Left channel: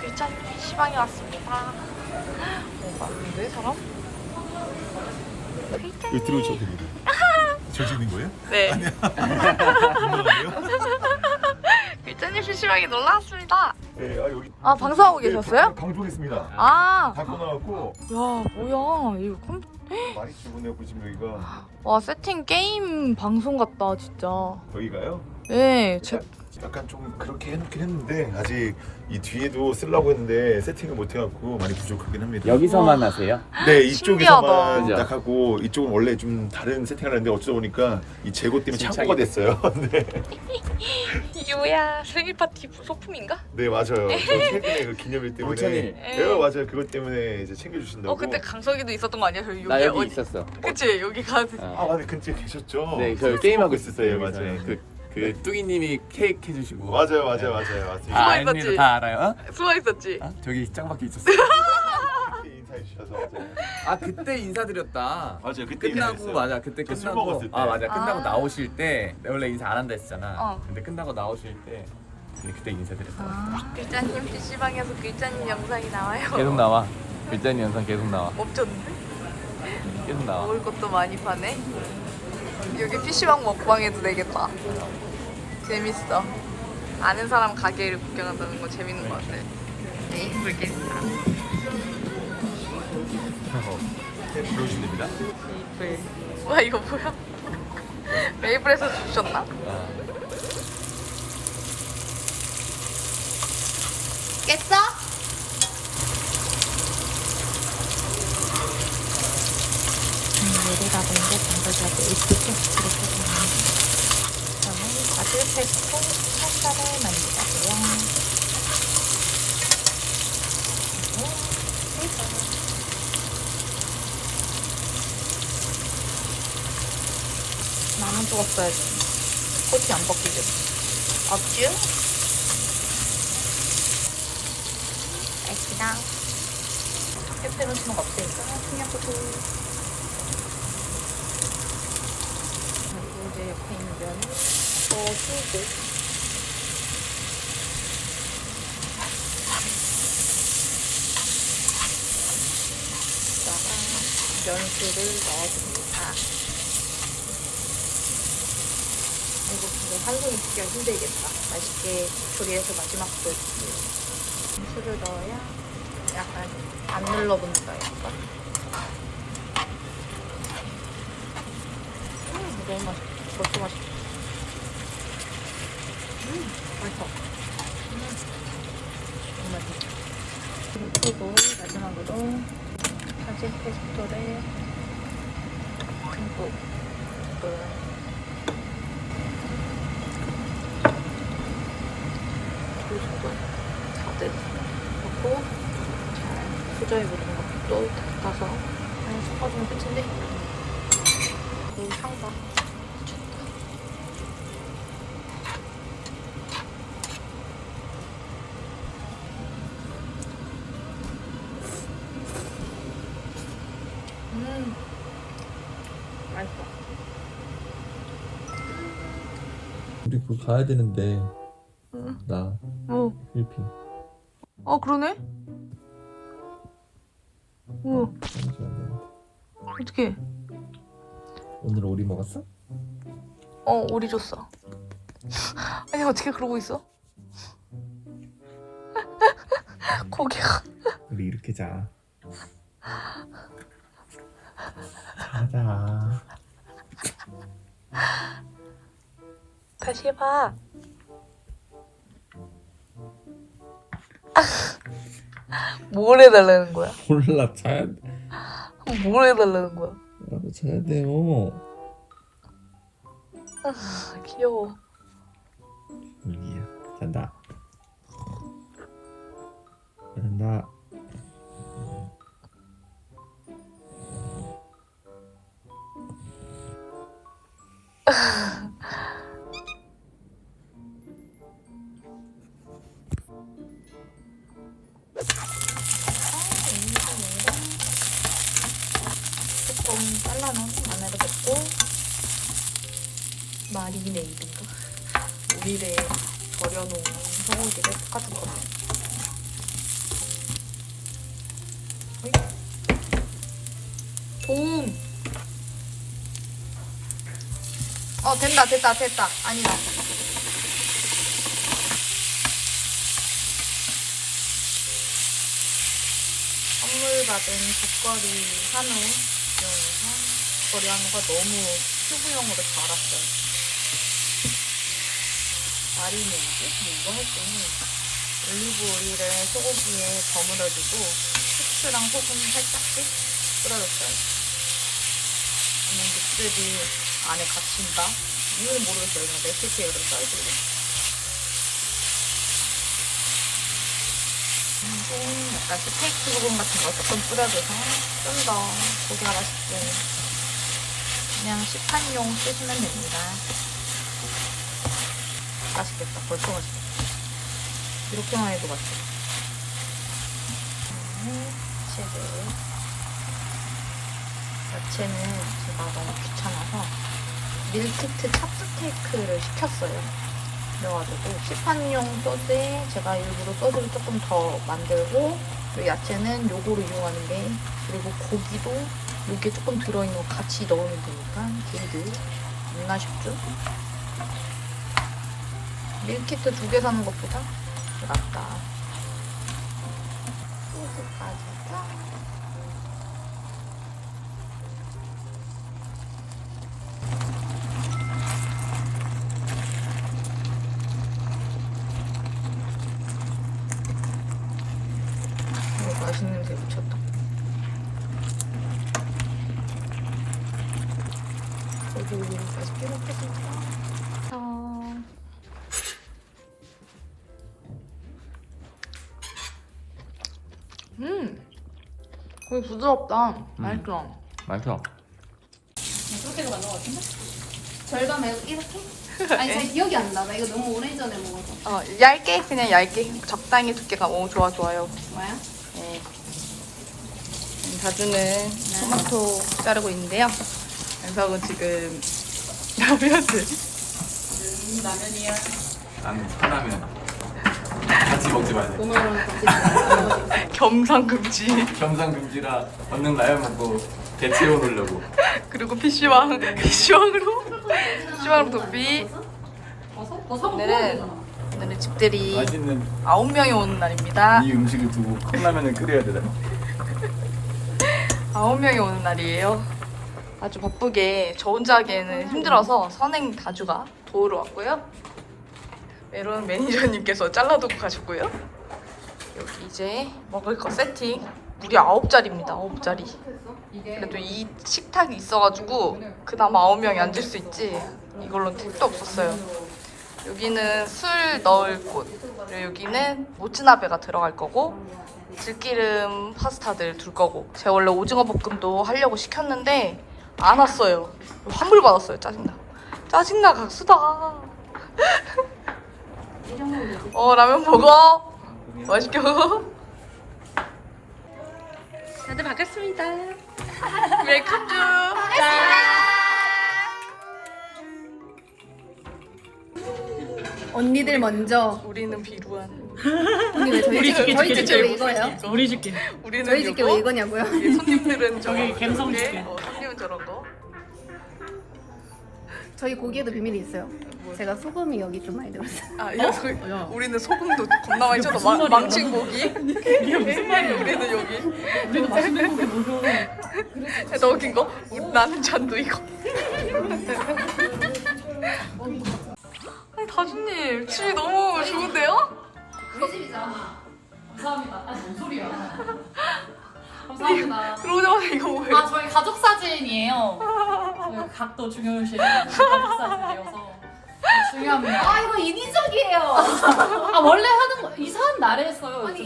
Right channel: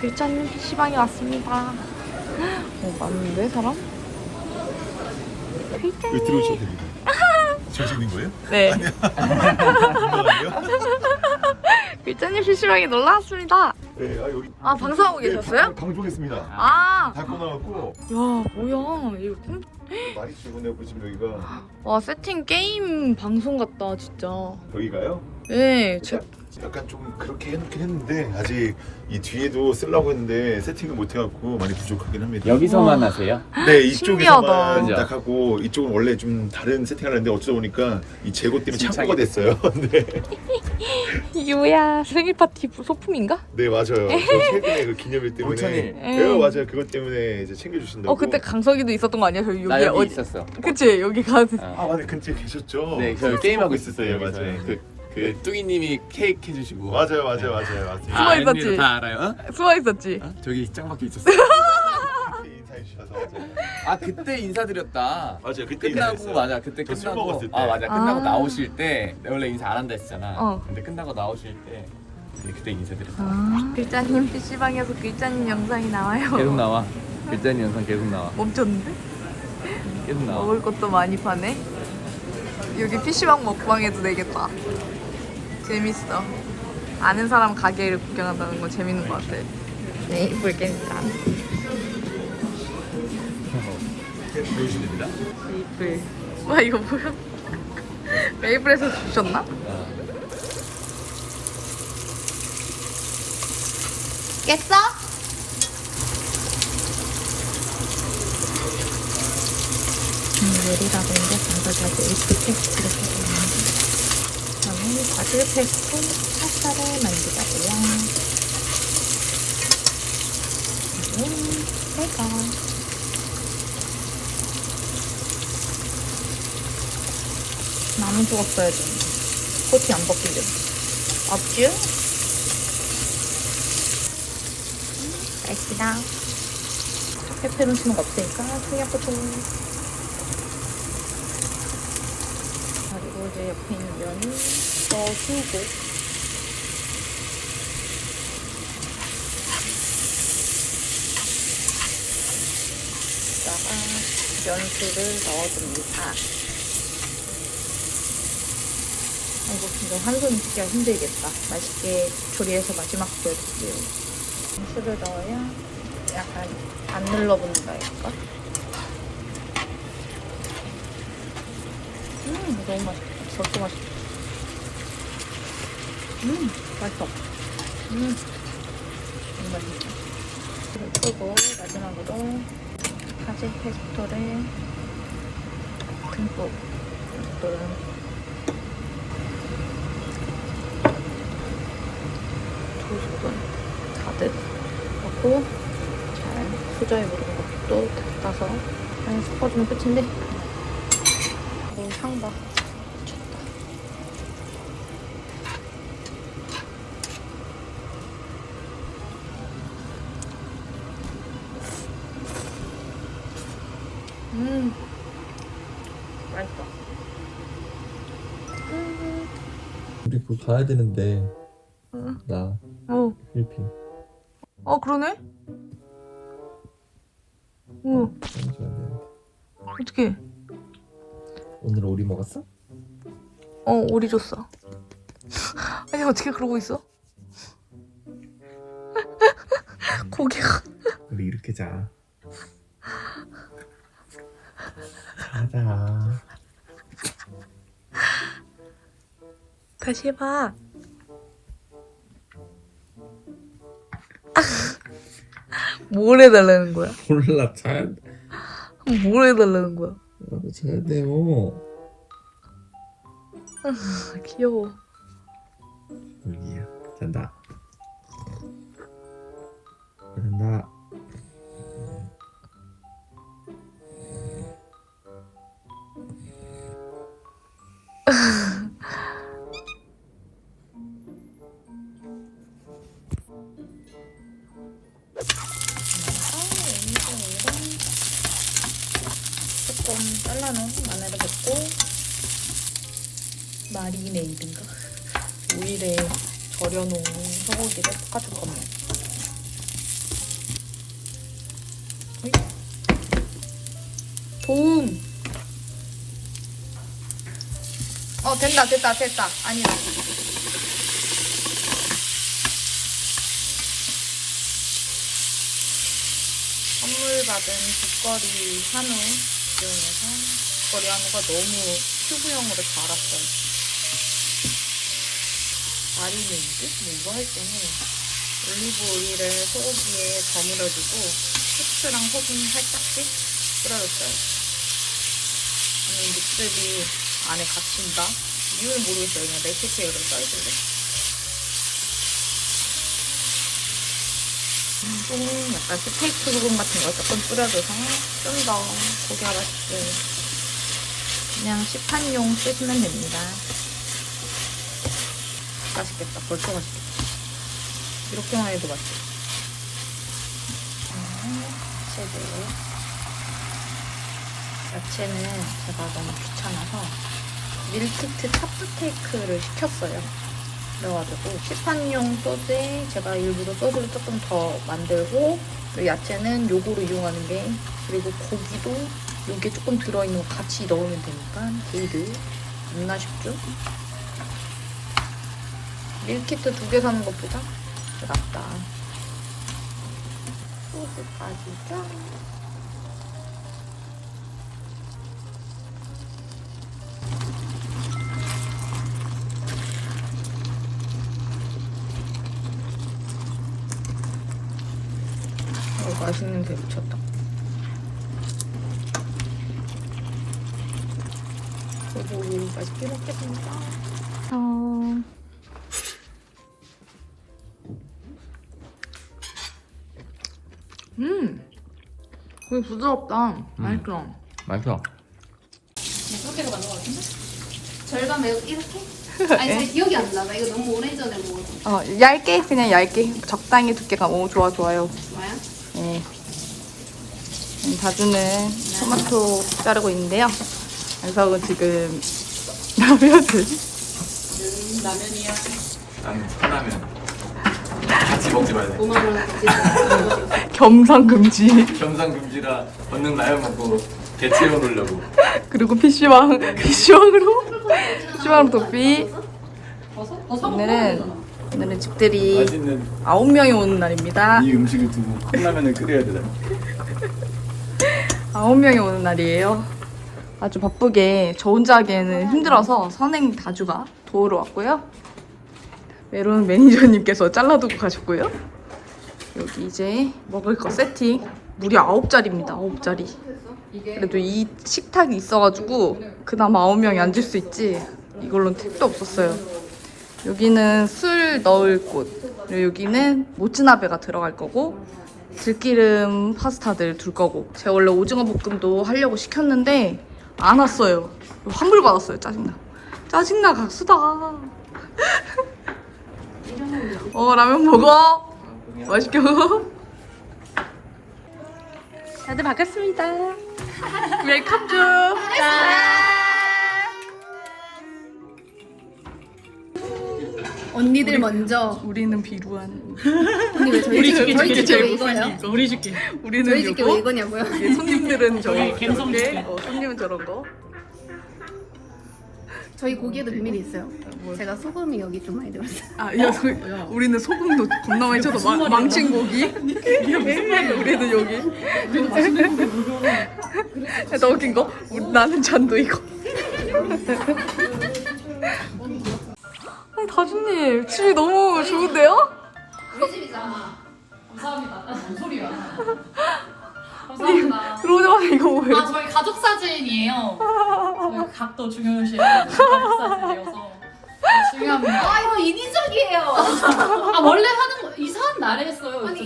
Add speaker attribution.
Speaker 1: 글자님 PC방에 왔습니다. 어, 많은데, 사람? 글자님.
Speaker 2: 들어오셔도 됩니다. 저시는 거예요?
Speaker 1: 네.
Speaker 2: 민망한데요?
Speaker 1: 글자님 PC방에 놀러 왔습니다.
Speaker 2: 네, 아 여기.
Speaker 1: 아, 방송하고
Speaker 2: 네,
Speaker 1: 계셨어요?
Speaker 2: 방- 방송했습니다.
Speaker 1: 아,
Speaker 2: 다 끝나갖고
Speaker 1: 야, 뭐야. 이거 꿈-
Speaker 2: 많이 출근해 보시면 여기가
Speaker 1: 와, 세팅 게임 방송 같다, 진짜.
Speaker 2: 여기가요.
Speaker 1: 네, 제,
Speaker 2: 약간, 좀 그렇게 해놓긴 했는데 아직 이 뒤에도 쓰려고 했는데 세팅을 못 해갖고 많이 부족하긴 합니다.
Speaker 3: 여기서만 하세요?
Speaker 2: 네. 이쪽에서만? 딱 하고 이쪽은 원래 좀 다른 세팅을 하는데 어쩌다 보니까 이 재고 때문에 창고가 됐어요. 네,
Speaker 1: 뭐야. 생일 파티 소품인가?
Speaker 2: 네 맞아요. 저 최근에 그 기념일 때문에
Speaker 3: 불청일.
Speaker 2: 네 맞아요. 그것 때문에 이제 챙겨주신다고.
Speaker 1: 어, 그때 강석이도 있었던 거 아니야? 저기
Speaker 3: 나
Speaker 1: 여기
Speaker 3: 여기
Speaker 1: 어디.
Speaker 3: 있었어.
Speaker 1: 그치, 여기 가.
Speaker 2: 아 맞네 근처에 계셨죠.
Speaker 3: 네, 저 게임하고 있었어요.
Speaker 2: 네. 맞아요.
Speaker 3: 그, 그 뚜기님이 케이크 해주시고.
Speaker 2: 맞아요 맞아요 맞아요 맞아요.
Speaker 3: 아,
Speaker 1: 숨어. 있었지?
Speaker 3: 다 알아요? 어?
Speaker 1: 숨어 있었지?
Speaker 3: 어? 저기 짱 박혀 있었어.
Speaker 2: 그때 인사해 주셔서 맞아요.
Speaker 3: 아 그때 인사드렸다.
Speaker 2: 맞아요 그때
Speaker 3: 끝나고
Speaker 2: 인사했어요.
Speaker 3: 맞아 그때
Speaker 2: 그술
Speaker 3: 끝나고
Speaker 2: 먹었을 때.
Speaker 3: 아 맞아 끝나고
Speaker 1: 아.
Speaker 3: 나오실 때 내가 원래 인사 안 한다 했잖아.
Speaker 1: 어.
Speaker 3: 근데 끝나고 나오실 때 네, 그때 인사드렸다.
Speaker 1: 아, 글자님 PC방에서 글자님 영상이 나와요.
Speaker 3: 계속 나와. 글자님 영상 계속 나와.
Speaker 1: 멈췄는데?
Speaker 3: 계속 나와.
Speaker 1: 먹을 것도 많이 파네. 여기 PC방 먹방 해도 되겠다. 재밌어. 아는 사람 가게를 구경한다는 건 재밌는 것 같아. 네, 보겠다.
Speaker 3: 보여주시면 됩니다.
Speaker 1: 메이플. 와, 이거 뭐야? 메이플에서 주셨나? 깼어? 요리라던데 반사자고 이프 페스트로 그다음에 바질 페스토 파스타를 만들자고요. 음, 해서 나무 써야지. 코팅 안 벗기게. 없쥬? 알겠습니다. 페페론치노가 없으니까 토마토 그리고 이제 옆에 있는 면은 넣어주고 여기다가 면수를 넣어줍니다. 이거 한 손에 찍기가 힘들겠다. 맛있게 조리해서 마지막 보여드릴게요. 술을 넣어야 약간 안 눌러붙는다 니까. 음 너무 맛있다. 벌써 맛있다. 음 맛있다. 음 너무 맛있다. 그리고 마지막으로 바질 페스토를 듬뿍 가득 넣고 잘 수저에 묻은 것도 닦아서 한 섞어주면 끝인데 오 향 봐 음 맛있다
Speaker 4: 우리 그 가야 되는데.
Speaker 1: 응.
Speaker 4: 나.
Speaker 1: 어,
Speaker 4: 필리핀.
Speaker 1: 어 그러네? 응
Speaker 4: 잠시만요
Speaker 1: 어떻게
Speaker 4: 오늘 오리 먹었어?
Speaker 1: 어 오리 줬어. 아니 어떻게 그러고 있어? 고개가.
Speaker 4: 우리 이렇게 자 자자.
Speaker 1: 다시 해봐 뭘 해달라는 거야?
Speaker 4: 몰라 자야
Speaker 1: 돼뭘 해달라는 거야?
Speaker 4: 나도 자야 돼요
Speaker 1: 아, 귀여워.
Speaker 4: 여기야 잔다. 잔다
Speaker 1: 졸여놓은 소고기를 볶아줄 겁니다. 도움! 어, 된다, 됐다, 됐다. 아니다. 선물받은 국거리 한우 이용해서 국거리 한우가 너무 큐브형으로 잘 알았어요. 마리네이드? 뭐 이거 할 때는 올리브 오일을 소고기에 버무려주고 후추랑 소금 살짝씩 뿌려줬어요 저는 육즙이 안에 갇힌다. 이유는 모르겠어요. 그냥 레시피에 이런 써있길래. 그리고 약간 스테이크 소금 같은 거 조금 뿌려줘서 좀 더 고기가 맛있게 그냥 시판용 쓰시면 됩니다. 맛있겠다. 벌써 맛있겠다. 이렇게만 해도 맛있겠다. 채들. 야채는 제가 너무 귀찮아서 밀키트 차프테이크를 시켰어요. 그래가지고 시판용 소스에 제가 일부러 소스를 조금 더 만들고 그리고 야채는 요거로 이용하는 게 그리고 고기도 요게 조금 들어있는 거 같이 넣으면 되니까 겁나 쉽죠? 밀키트 두 개 사는 것보다 낫다. 소스 빠지죠? 어, 맛있는 게 미쳤다. 오, 맛있게 먹겠습니다. 거의 부드럽다. 맛있어.
Speaker 3: 맛있어.
Speaker 5: 절반 말고 이렇게? 아니 잘 기억이 안 나. 나 이거 너무 오래전에 먹어서.
Speaker 1: 어, 얇게 그냥 얇게 적당히 두께가 오 좋아 좋아요.
Speaker 5: 뭐야?
Speaker 1: 네. 다주는 토마토 자르고 있는데요. 그래서 지금 라면을
Speaker 5: 음, 라면이야.
Speaker 3: 나는 사라면. 같이 먹지 말래.
Speaker 5: 5만 원 값이
Speaker 1: 겸상 금지
Speaker 3: 겸상 금지라 얻는 라면 먹고 배 채워놓으려고.
Speaker 1: 그리고 PC방 PC방으로 PC방 도피 오늘은 오늘은 집들이
Speaker 3: 맛있는
Speaker 1: 아홉 명이 오는 날입니다.
Speaker 3: 이 음식을 두고 컵라면을 끓여야 되잖아.
Speaker 1: 아홉 명이 오는 날이에요. 아주 바쁘게 저 혼자 하기에는 힘들어서 선행 다주가 도우러 왔고요. 메론 매니저님께서 잘라두고 가셨고요. 여기 이제 먹을 거 세팅 무려 아홉 자리입니다. 아홉 자리. 그래도 이 식탁이 있어가지고 그나마 아홉 명이 앉을 수 있지. 이걸로는 택도 없었어요. 여기는 술 넣을 곳. 여기는 모츠나베가 들어갈 거고 들기름 파스타들 둘 거고 제가 원래 오징어 볶음도 하려고 시켰는데 안 왔어요 환불 받았어요 짜증나 짜증나 각수다 어 라면 먹어 맛있게 먹어 다들 반갑습니다 웰컴 좀
Speaker 5: 언니들 먼저.
Speaker 1: 우리는 비루한
Speaker 5: 언니 왜 저희 집 저희
Speaker 1: 저희
Speaker 5: 집왜
Speaker 1: 제일
Speaker 5: 이거예요?
Speaker 6: 우리 줄게.
Speaker 1: 우리는
Speaker 5: 저희 집게 왜 이거냐고요?
Speaker 1: 예, 손님들은 저
Speaker 6: 저기 갬성
Speaker 1: 저렇게,
Speaker 6: 줄게.
Speaker 1: 어, 손님은 저런 거
Speaker 5: 저희 고기에도 비밀이 있어요. 제가 소금이 여기 좀 많이 들었어요.
Speaker 1: 아, 야, 그, 우리는 소금도 겁나 많이 쳐서 마, 망친 고기. 우리는 여기.
Speaker 6: 그래도 맛있는 고기 먹어.
Speaker 1: 더 웃긴 거? 우리, 나는 잔도 이거. 아니, 다주님, 집이 너무 좋은데요?
Speaker 6: 사진이에요. 저희 각도 중요시 가족 사진이어서 중요합니다.
Speaker 5: 아 이거 인위적이에요.
Speaker 6: 아, 원래 하는 거 이상한 날에 했어요.
Speaker 5: 아니,